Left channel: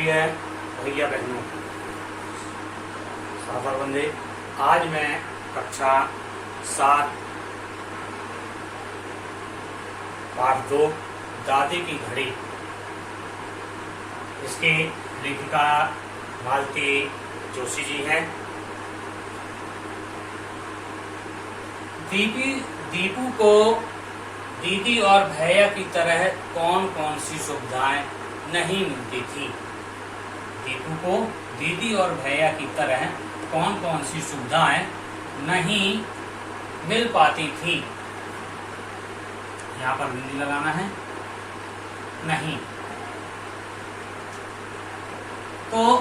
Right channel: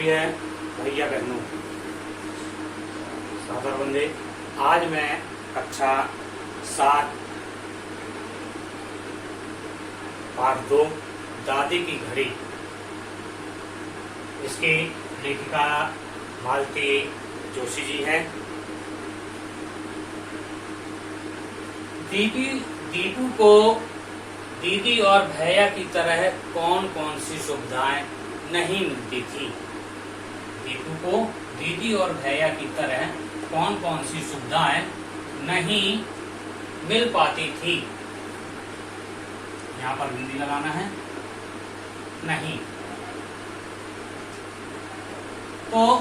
प्रिय भैया बहनों, सादर बंदे। आज मैं कक्षा 7 पाठ 2 दादी की घड़ी, इसकी लेखिका मालती जोशी जी हैं। दीपू को दीदी और भैया की तरह कौन कौन सी सुविधाएं नहीं मिलती थी। दीपू को दीदी और भैया की तरह कौन कौन सी सुविधाएं नहीं मिल पाती थी। यहाँ पर बिंदी लगाना है, नहीं। तो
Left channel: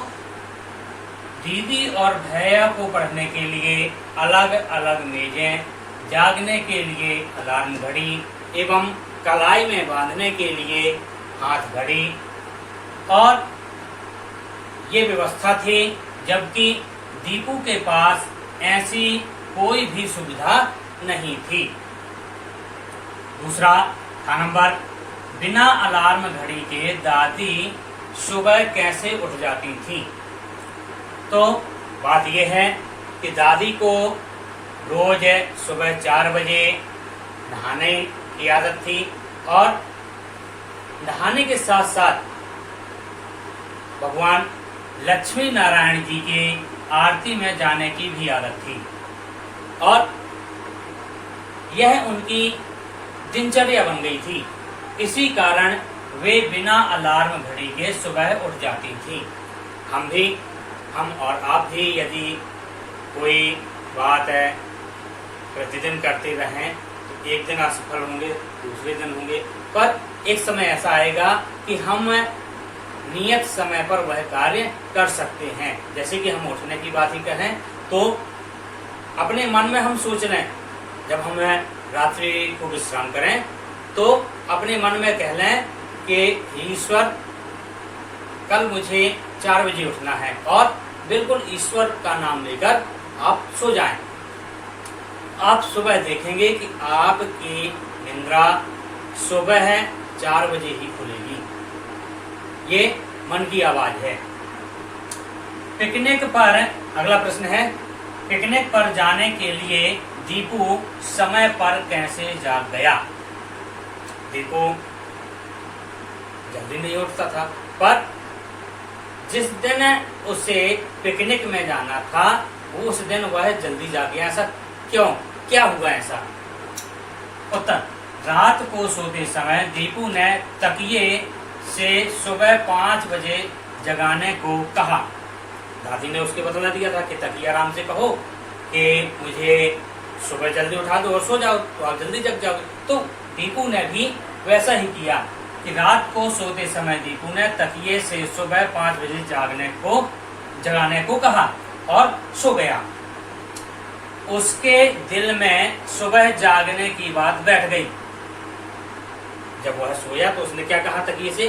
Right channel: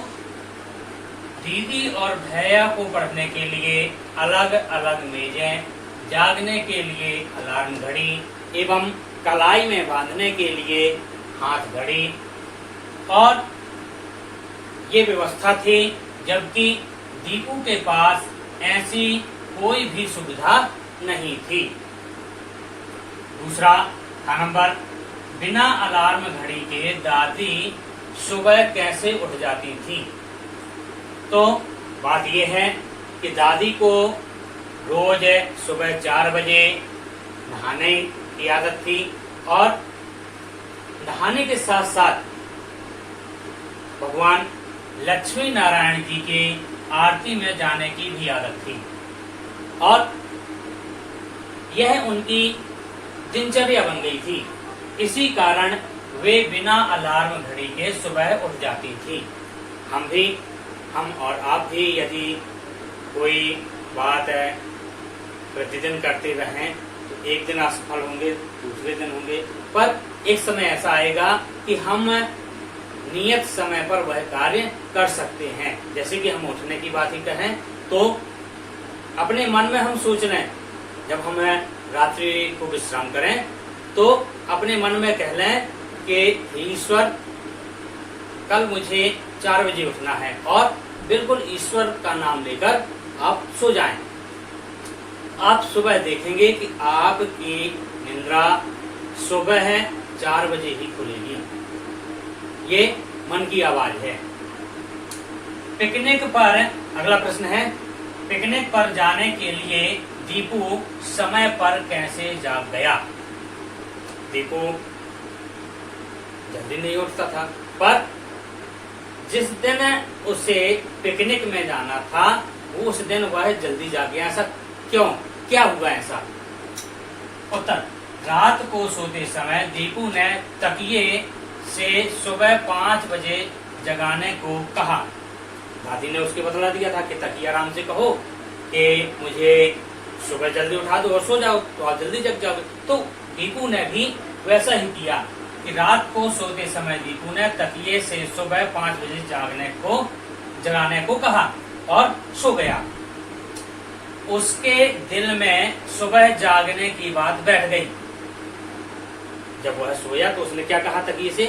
दीदी और भैया को पढ़ने के लिए अलग अलग मेजें, जागने के लिए अलार्म घड़ी एवं कलाई में बांधने के लिए हाथ घड़ी और ये व्यवस्था थी, जबकि दीपू के पास ऐसी कोई भी सुविधा नहीं थी। दूसरा था नंबर, बिना अलार्म घड़ी के दादी सुबह कैसे उठ जाती थी। तो बात यह है कि दादी को रोज सुबह 4 बजे नहाने की आदत थी और नहाने के साथ साथ भगवान लक्ष्मी नारायण जी की आरती में जाने की भी आदत थी और यह उनकी दिनचर्या बन गई थी। इसी कारण वे बिना अलार्म घड़ी के सुबह उठ जाती थी। हम और आप भी यदि कोई बात है प्रतिदिन करते रहें तो एक दिन असफल होंगे, दूसरे दिन होंगे, पर एक समय ऐसा आएगा कि हम नियत समय पर वह कार्य कर सकते हैं। जैसे कि हम उठने की बात ही कहें तो अपने मन में हम सोच लें, जब हम रात्रि को विश्राम करें तो अपने मन में कह लें कि ईश्वर कल मुझे 4 बजे उठना है और बिल्कुल ईश्वर का नाम लेकर आप सो जाएं। आप सुबह देखेंगे कि आपकी निद्रा सुबह 4 बजे ही खुलेगी। ये मन की आवाज है। पिकनिक पर, अगला प्रश्न है, पिकनिक पर जाने के लिए दीपू समय पर कैसे जाग गया। दीपू जल्दी नहीं उठता था, पर जिस दिन उसे पिकनिक में जाना था उस दिन वह जल्दी जाग गया। ऐसा क्यों? क्या हुआ ऐसा? उत्तर, रात को सोते समय दीपू ने तकिए से सुबह 5 बजे जगाने को कहा। दादी ने उसके बतला दिया था कि तकिए आराम से कहो कि मुझे सुबह जल्दी उठा दो और सो जाओ तो आप जल्दी जग जाओगे। तो दीपू ने भी वैसा ही किया कि रात को सोते समय दीपू ने तकिए से सुबह 5 बजे जगाने को कहा और सो गया। उसके दिल में सुबह जागने की बात बैठ गई। जब वह सोया तो उसने क्या कहा तकिए से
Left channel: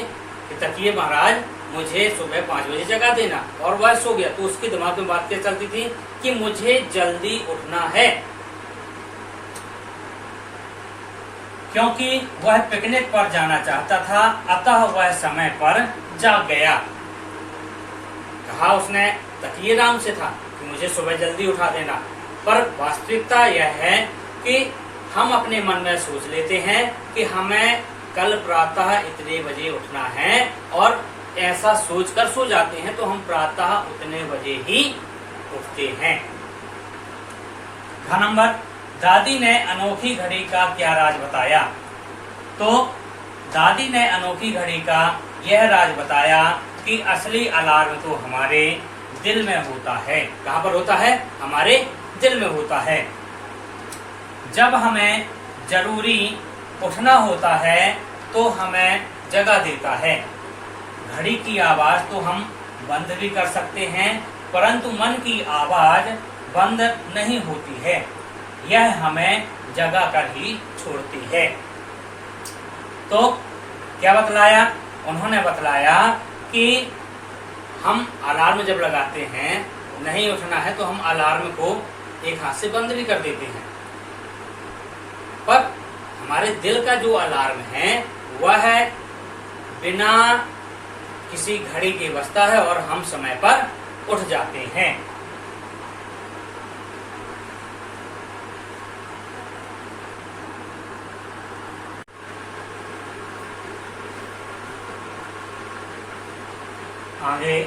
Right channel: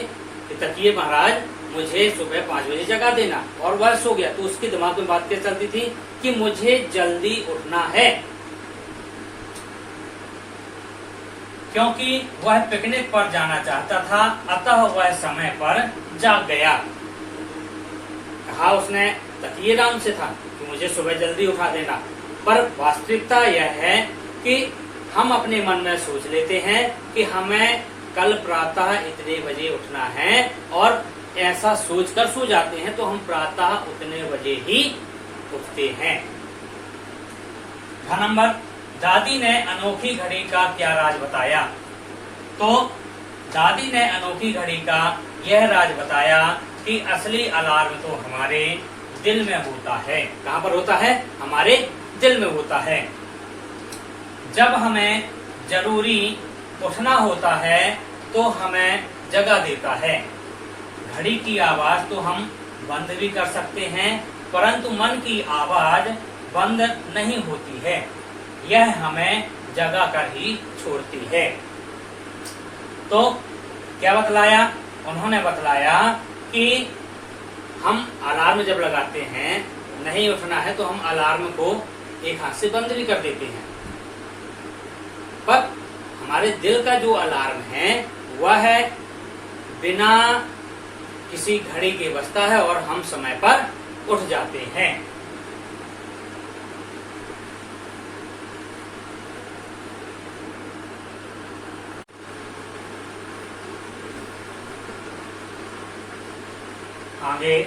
कि तकिए महाराज मुझे सुबह 5 बजे जगा देना, और वह सो गया। तो उसके दिमाग में बात क्या चलती थी कि मुझे जल्दी उठना है, क्योंकि वह पिकनिक पर जाना चाहता था, अतः वह समय पर जाग गया। कहा उसने तकिए राम से था कि मुझे सुबह जल्दी उठा देना, पर वास्तविकता यह है कि हम अपने मन में सोच लेते हैं कि हमें कल प्रातः इतने बजे उठना है और ऐसा सोचकर सो जाते हैं, तो हम प्रातः उतने बजे ही उठते हैं। नंबर, दादी ने अनोखी घड़ी का क्या राज बताया। तो दादी ने अनोखी घड़ी का यह राज बताया कि असली अलार्म तो हमारे दिल में होता है। कहाँ पर होता है? हमारे दिल में होता है। जब हमें जरूरी उठना होता है तो हमें जगा देता है। घड़ी की आवाज तो हम बंद भी कर सकते हैं, परंतु मन की आवाज बंद नहीं होती है, यह हमें जगा कर ही छोड़ती है। तो क्या बतलाया? उन्होंने बतलाया कि हम अलार्म जब लगाते हैं, नहीं उठना है तो हम अलार्म को एक हाथ से बंद भी कर देते हैं, पर हमारे दिल का जो अलार्म है वह बिना किसी घड़ी के बजता है और हम समय पर उठ जाते हैं। आगे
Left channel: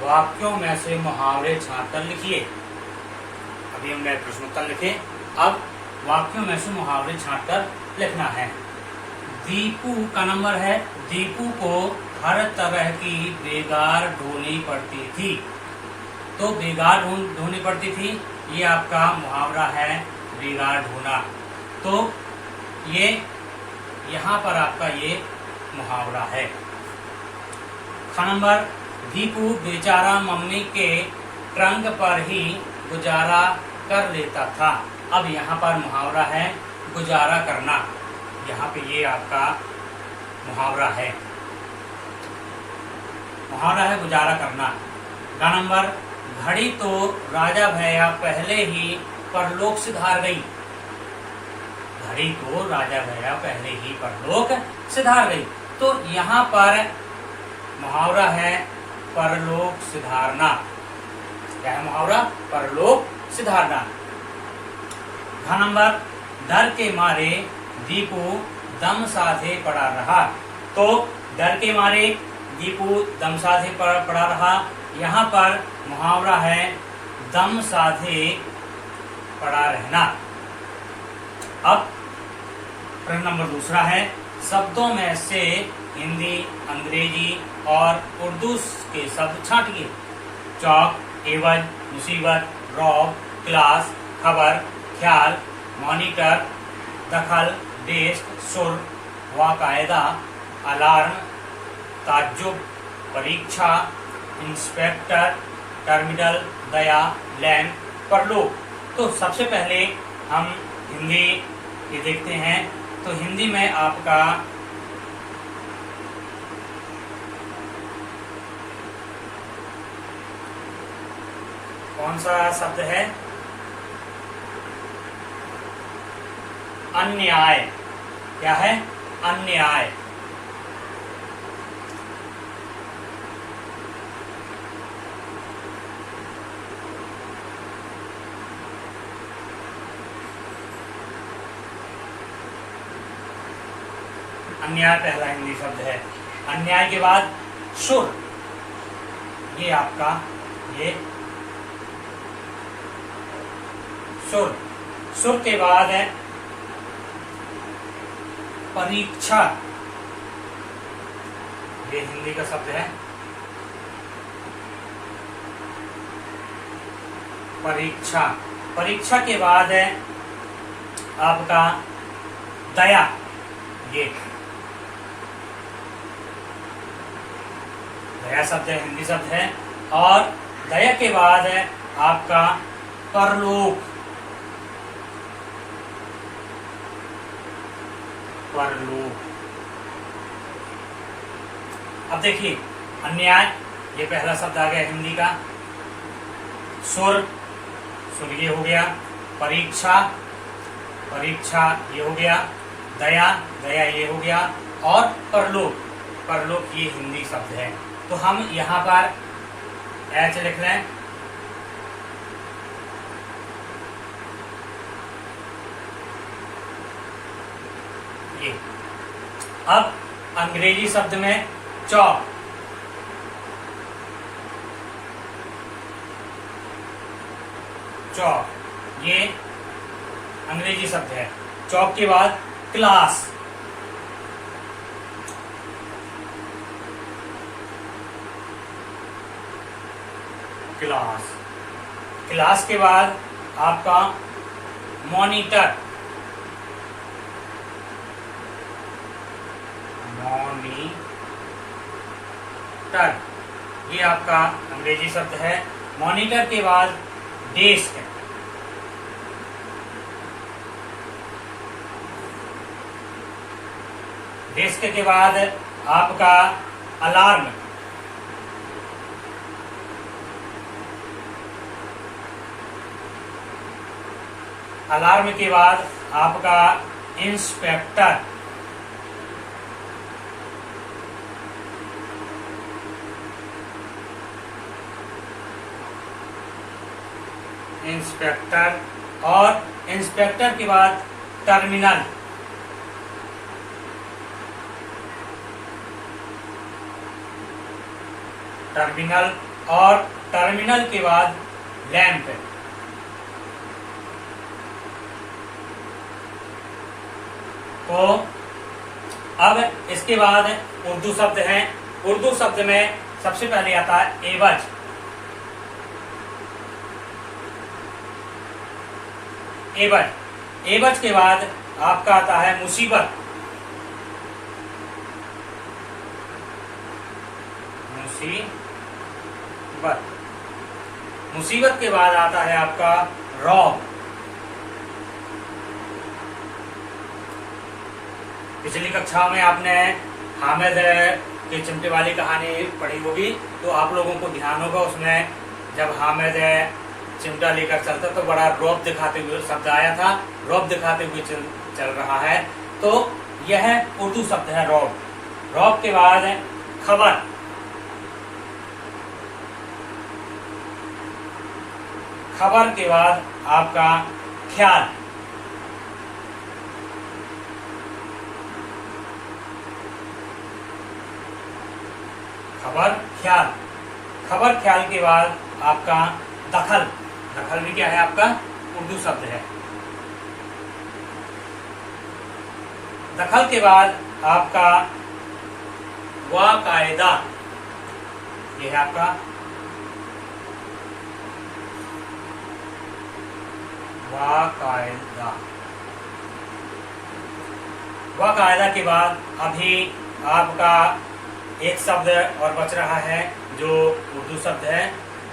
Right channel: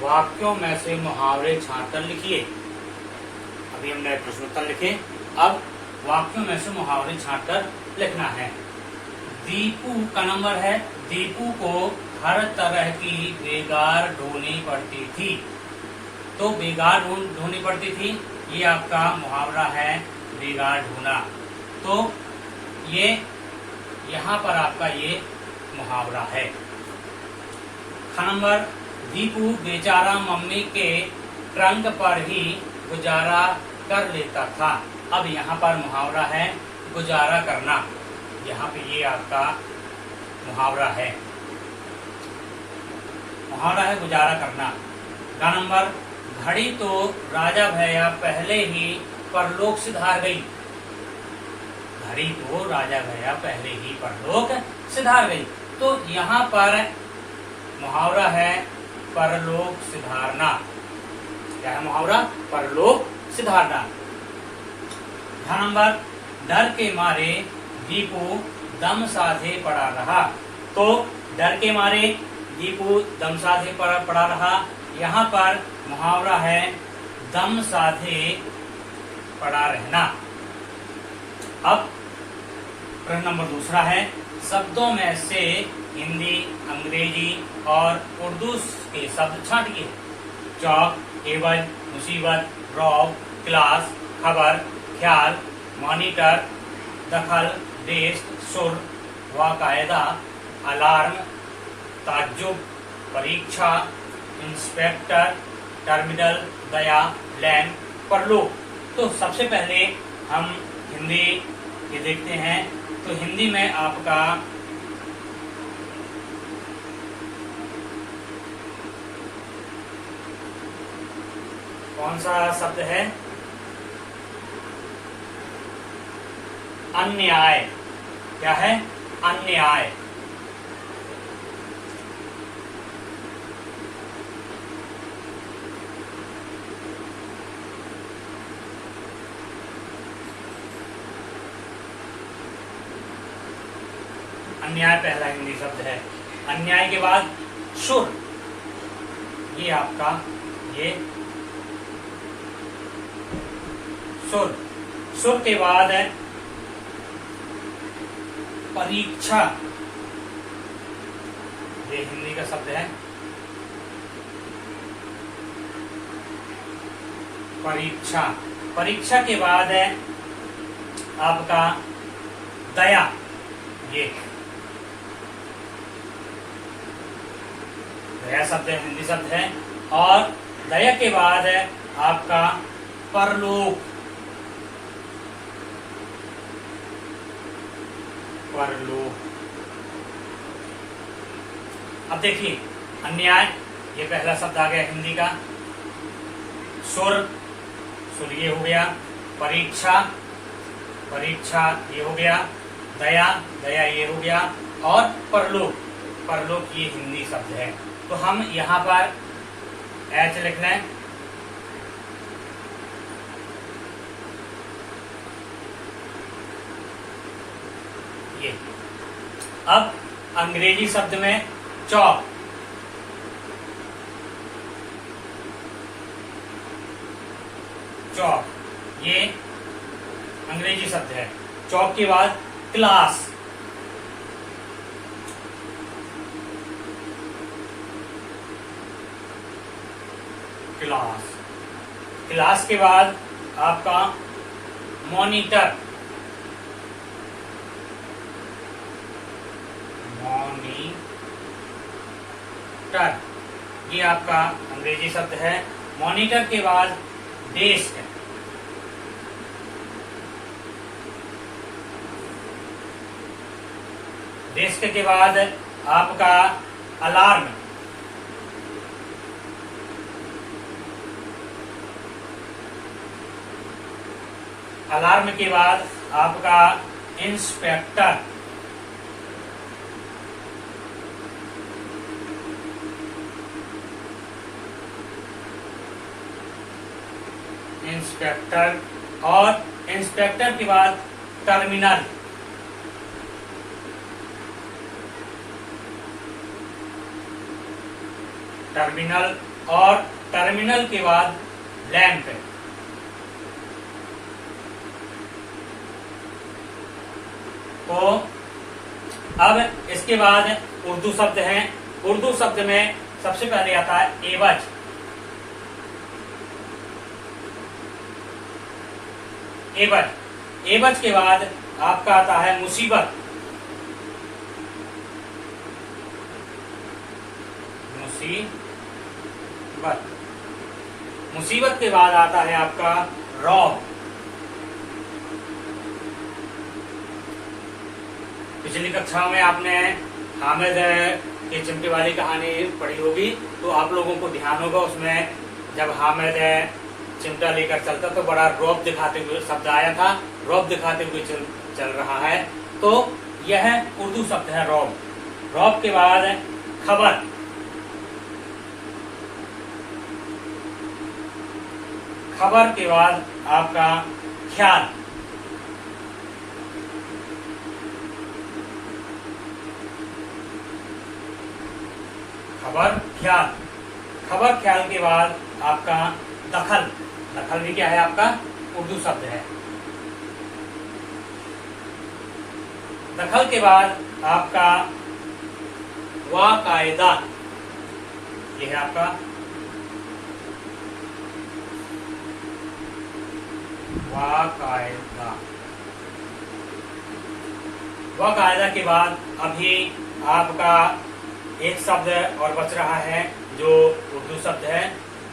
वाक्यों में से मुहावरे छांटकर लिखिए। अभी हमने प्रश्नोत्तर लिखे, अब वाक्यों में से मुहावरे छांटकर लिखना है। दीपू का नंबर है। दीपू को हर तरह की बेगार ढोनी पड़ती थी। तो बेगार ढोनी पड़ती थी, ये आपका मुहावरा है, बेगार ढोना। तो ये यहाँ पर आपका ये मुहावरा है। नंबर, दीपू बेचारा मम्मी के ट्रंक पर ही गुजारा कर लेता था। अब यहाँ पर मुहावरा है गुजारा करना, यहाँ पे ये आपका मुहावरा है। मुहावरा है गुजारा करना। का नंबर, घड़ी तो राजा भैया पहले ही परलोक सिधार गई। घड़ी तो राजा भैया पहले ही परलोक सिधार गई। तो यहाँ पर मुहावरा है परलोक सिधारना। क्या है मुहावरा? परलोक सिधारना। घ नंबर, डर के मारे दीपू दम साधे पड़ा रहा। तो डर के मारे दीपू दम साधे पड़ा रहा। यहाँ पर मुहावरा है दम साधे पड़ा रहना। अब प्रश्न नंबर दूसरा है, शब्दों में से हिंदी, अंग्रेजी और उर्दू के शब्द छांटिए। चौक, एवज, मुसीबत, रौब, क्लास, खबर, ख्याल, मॉनिटर, दखल, डेस्क, सुर, वाकायदा, अलार्म, ताज्जुब, परीक्षा, इंस्पेक्टर, टर्मिनल, दया, लैंड, परलोक। तो सबसे पहले हम हिंदी ये देखते हैं। तो हिंदी में आपका कौन सा शब्द है? अन्याय। क्या है? अन्याय। अन्याय पहला हिंदी शब्द है। अन्याय के बाद सुर, ये आपका ये सुर। सुर के बाद है परीक्षा, ये हिंदी का शब्द है परीक्षा। परीक्षा के बाद है आपका दया, ये दया शब्द है, हिंदी शब्द है। और दया के बाद है आपका परलोक। परलोक। अब देखिए, अन्याय ये पहला शब्द आ गया हिंदी का। सुर, सुर ये हो गया। परीक्षा, परीक्षा ये हो गया। दया, दया ये हो गया। और परलोक, परलोक ये हिंदी शब्द है। तो हम यहाँ पर एच लिख लें। ये अब अंग्रेजी शब्द में चौक, चौक ये अंग्रेजी शब्द है। चौक के बाद क्लास, क्लास। क्लास के बाद आपका मॉनिटर, मॉनिटर ये आपका अंग्रेजी शब्द है। मॉनिटर के बाद डेस्क, डेस्क के बाद आपका अलार्म, अलार्म के बाद आपका इंस्पेक्टर, इंस्पेक्टर, और इंस्पेक्टर के बाद टर्मिनल, टर्मिनल, और टर्मिनल के बाद लैंप। तो अब इसके बाद उर्दू शब्द हैं। उर्दू शब्द में सबसे पहले आता है एवज। एवज, एवज के बाद आपका आता है मुसीबत। मुसीबत, मुसीबत के बाद आता है आपका रौब। पिछली कक्षा में आपने हामिद की चिमटे वाली कहानी पढ़ी होगी, तो आप लोगों को ध्यान होगा उसमें जब हामिद चिमटा लेकर चलता तो बड़ा रौब दिखाते हुए शब्द आया था, रौब दिखाते हुए चल रहा है। तो यह उर्दू शब्द है रौब। रौब के बाद खबर, खबर के बाद आपका ख्याल, खबर ख्याल, खबर ख्याल के बाद आपका दखल। दखल भी क्या है? आपका उर्दू शब्द है। दखल के बाद आपका वाकायदा, यह है आपका वाकायदा। वाकायदा के बाद अभी आपका एक शब्द और बच रहा है जो उर्दू शब्द है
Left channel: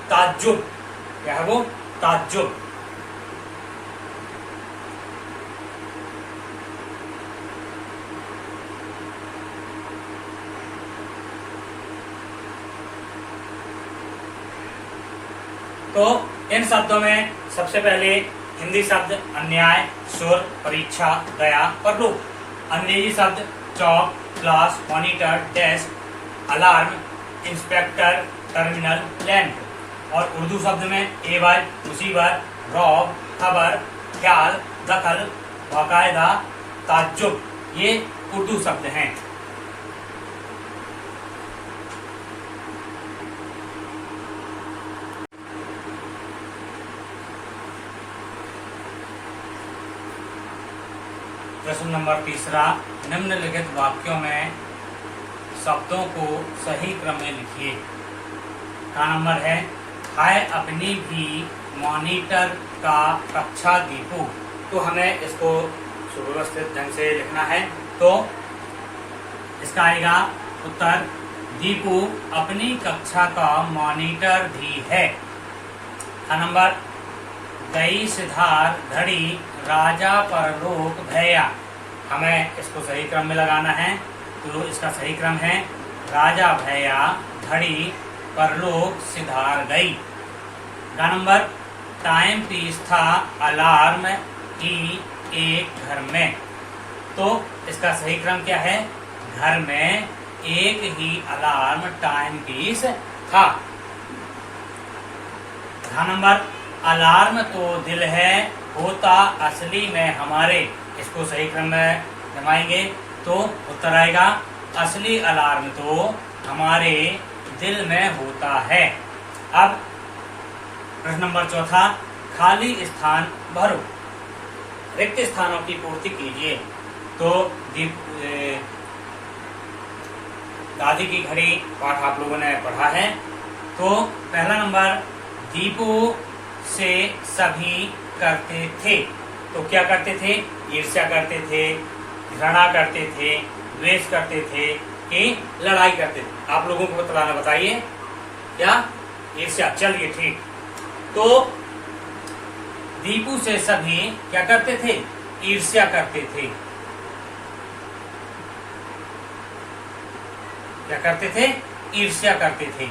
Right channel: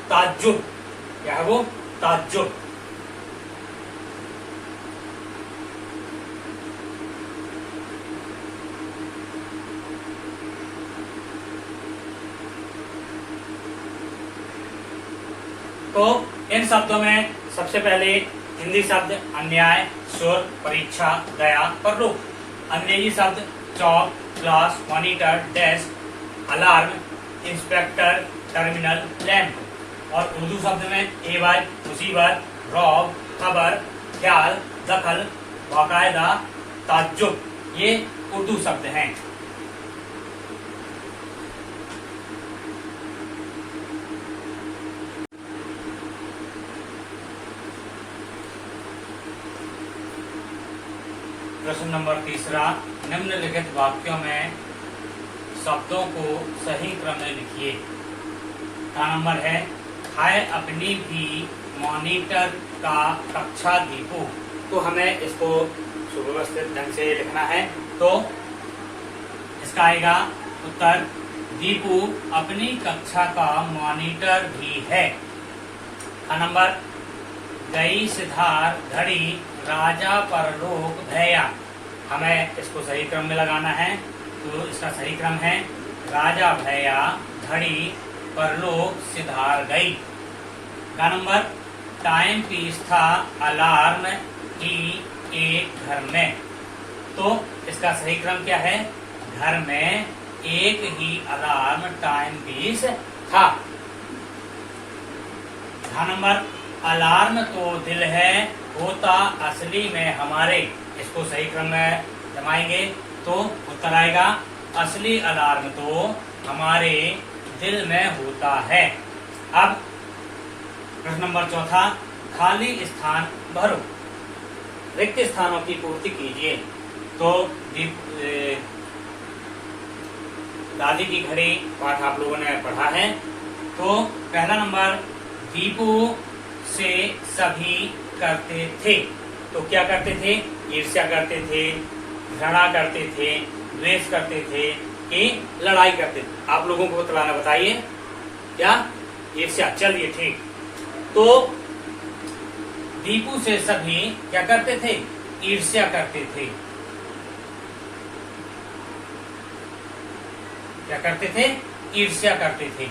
ताज्जुब। क्या है वो? ताज्जुब। तो इन शब्दों में सबसे पहले हिंदी शब्द अन्याय, सुर, परीक्षा, दया, परलोक। अंग्रेजी शब्द chalk, class, monitor, desk, alarm, inspector, terminal, lamp. और उर्दू शब्द में एवज, मुसीबत, रौब, खबर, ख्याल, दखल, बाकायदा, ताज्जुब, ये उर्दू शब्द हैं। प्रश्न नंबर 3, निम्नलिखित वाक्यों में शब्दों को सही क्रम में लिखिए। का नंबर है हाय अपनी भी मॉनिटर का कक्षा दीपू। तो हमें इसको सुव्यवस्थित ढंग से लिखना है। तो इसका आएगा उत्तर दीपू अपनी कक्षा का मॉनिटर भी है। का नंबर गई सिधार घड़ी राजा परलोक भैया। हमें इसको सही क्रम में लगाना है। तो इसका सही क्रम है राजा भैया घड़ी परलोक सिधार गई। का नंबर टाइम पीस था अलार्म की एक घर में। तो इसका सही क्रम क्या है? घर में एक ही अलार्म टाइम पीस था। का नंबर अलार्म तो दिल है होता असली में हमारे। इसको सही क्रम में जमाएंगे तो उत्तर आएगा असली अलार्म तो हमारे दिल में होता है। अब प्रश्न नंबर 4, खाली स्थान भरो। रिक्त स्थानों की पूर्ति कीजिए। तो दादी की घड़ी पाठ आप लोगों ने पढ़ा है। तो पहला नंबर दीपू से सभी करते थे। तो क्या करते थे? ईर्ष्या करते थे, घृणा करते थे, द्वेष करते थे कि लड़ाई करते थे। आप लोगों को बतलाना, बताइए क्या? ईर्ष्या। चलिए ठीक। तो दीपू से सभी क्या करते थे? ईर्ष्या करते थे। क्या करते थे? ईर्ष्या करते थे।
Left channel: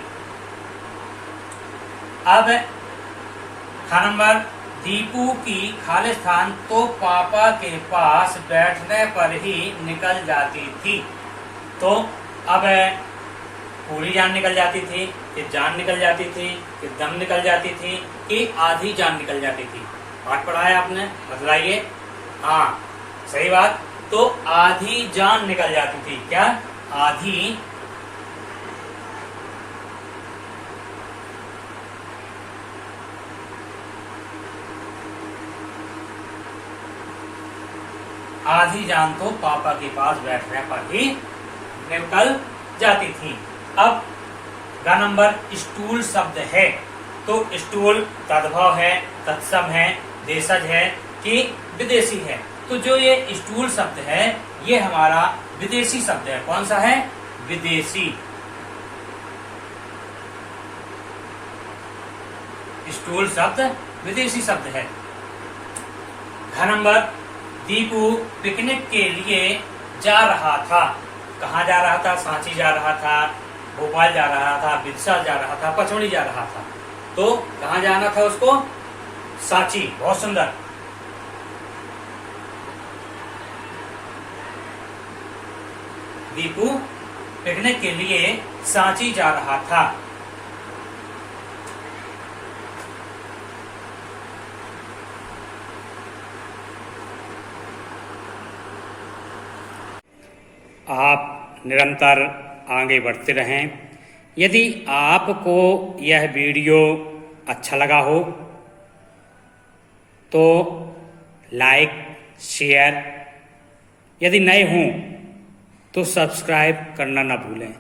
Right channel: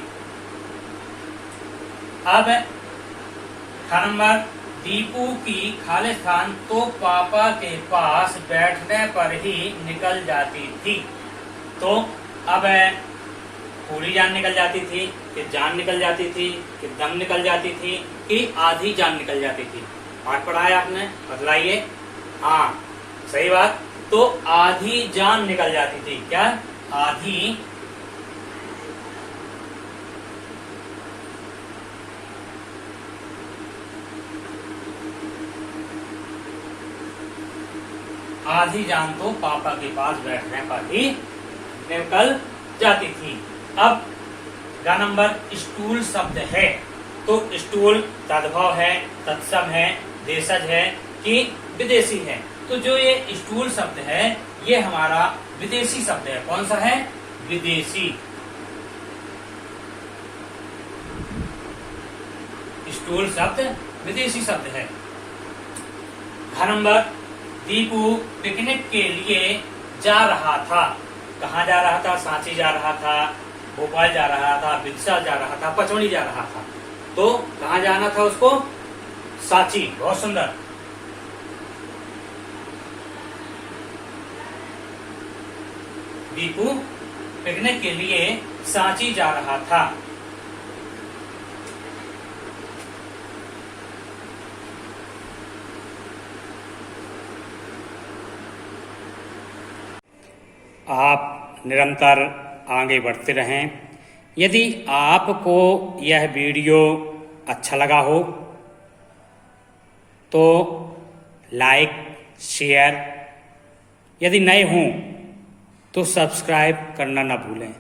अब नंबर दीपू की खालिस्तान तो पापा के पास बैठने पर ही निकल जाती थी। तो अब पूरी जान निकल जाती थी। कि जान निकल जाती थी, कि दम निकल जाती थी, कि आधी जान निकल जाती थी? पाठ पढ़ा है आपने, बतलाइए। हाँ, सही बात। तो आधी जान निकल जाती थी। क्या? आधी जान तो पापा के पास बैठने पर ही निकल जाती थी। अब ग नंबर स्टूल शब्द है, तो स्टूल तद्भव है, तत्सम है, देशज है कि विदेशी है? तो जो ये स्टूल शब्द है ये हमारा विदेशी शब्द है। कौन सा है? विदेशी। स्टूल शब्द विदेशी शब्द है। घ नंबर दीपू पिकनिक के लिए जा रहा था। कहाँ जा रहा था? सांची जा रहा था, भोपाल जा रहा था, बिरसा जा रहा था, पचमढ़ी जा रहा था। तो कहाँ जाना था उसको? सांची। बहुत सुंदर। दीपू पिकनिक के लिए सांची जा रहा था। आप निरंतर आगे बढ़ते रहें। यदि आपको यह वीडियो अच्छा लगा हो तो लाइक, शेयर, यदि नए हों तो सब्सक्राइब करना ना भूलें।